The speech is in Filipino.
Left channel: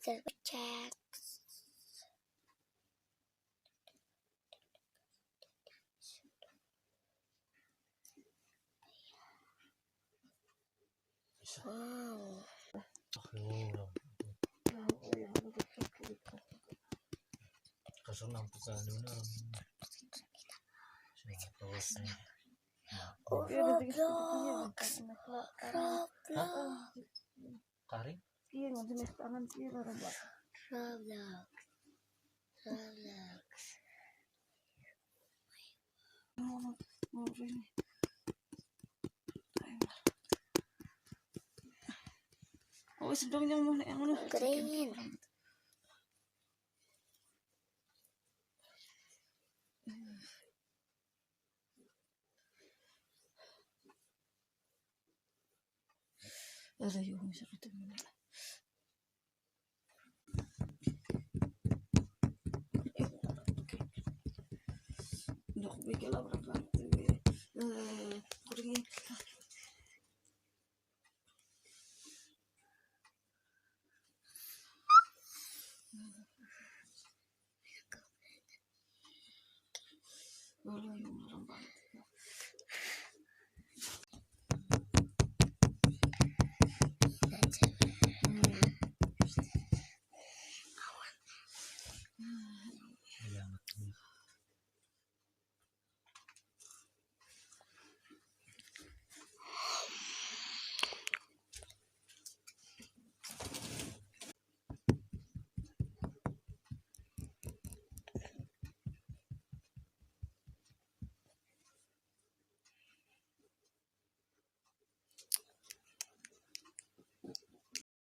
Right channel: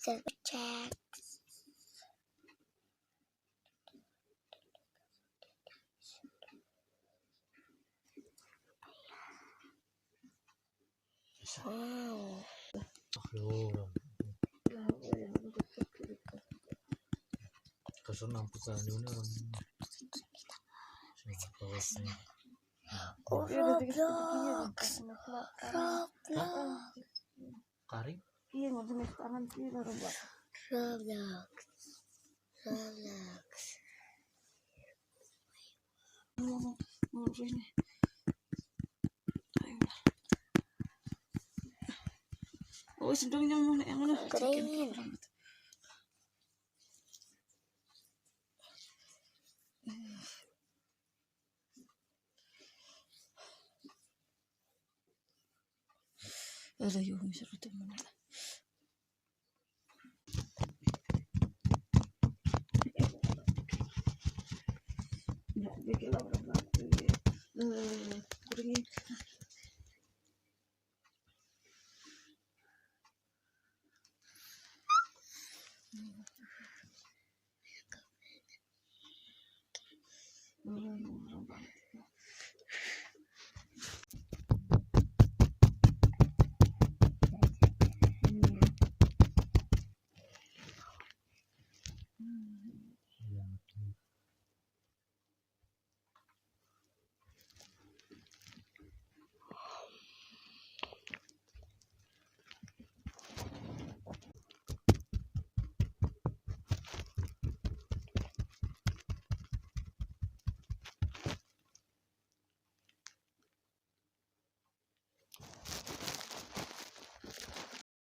cek. Wow. Kaso nampukan yun orang. Kari? Iya, nggak tulis tangan sih, Roblox. Mau ini. Oh, sedang yang mana? Green. Ada yung seru teman. Nak bikin lah berapa? Kuringin.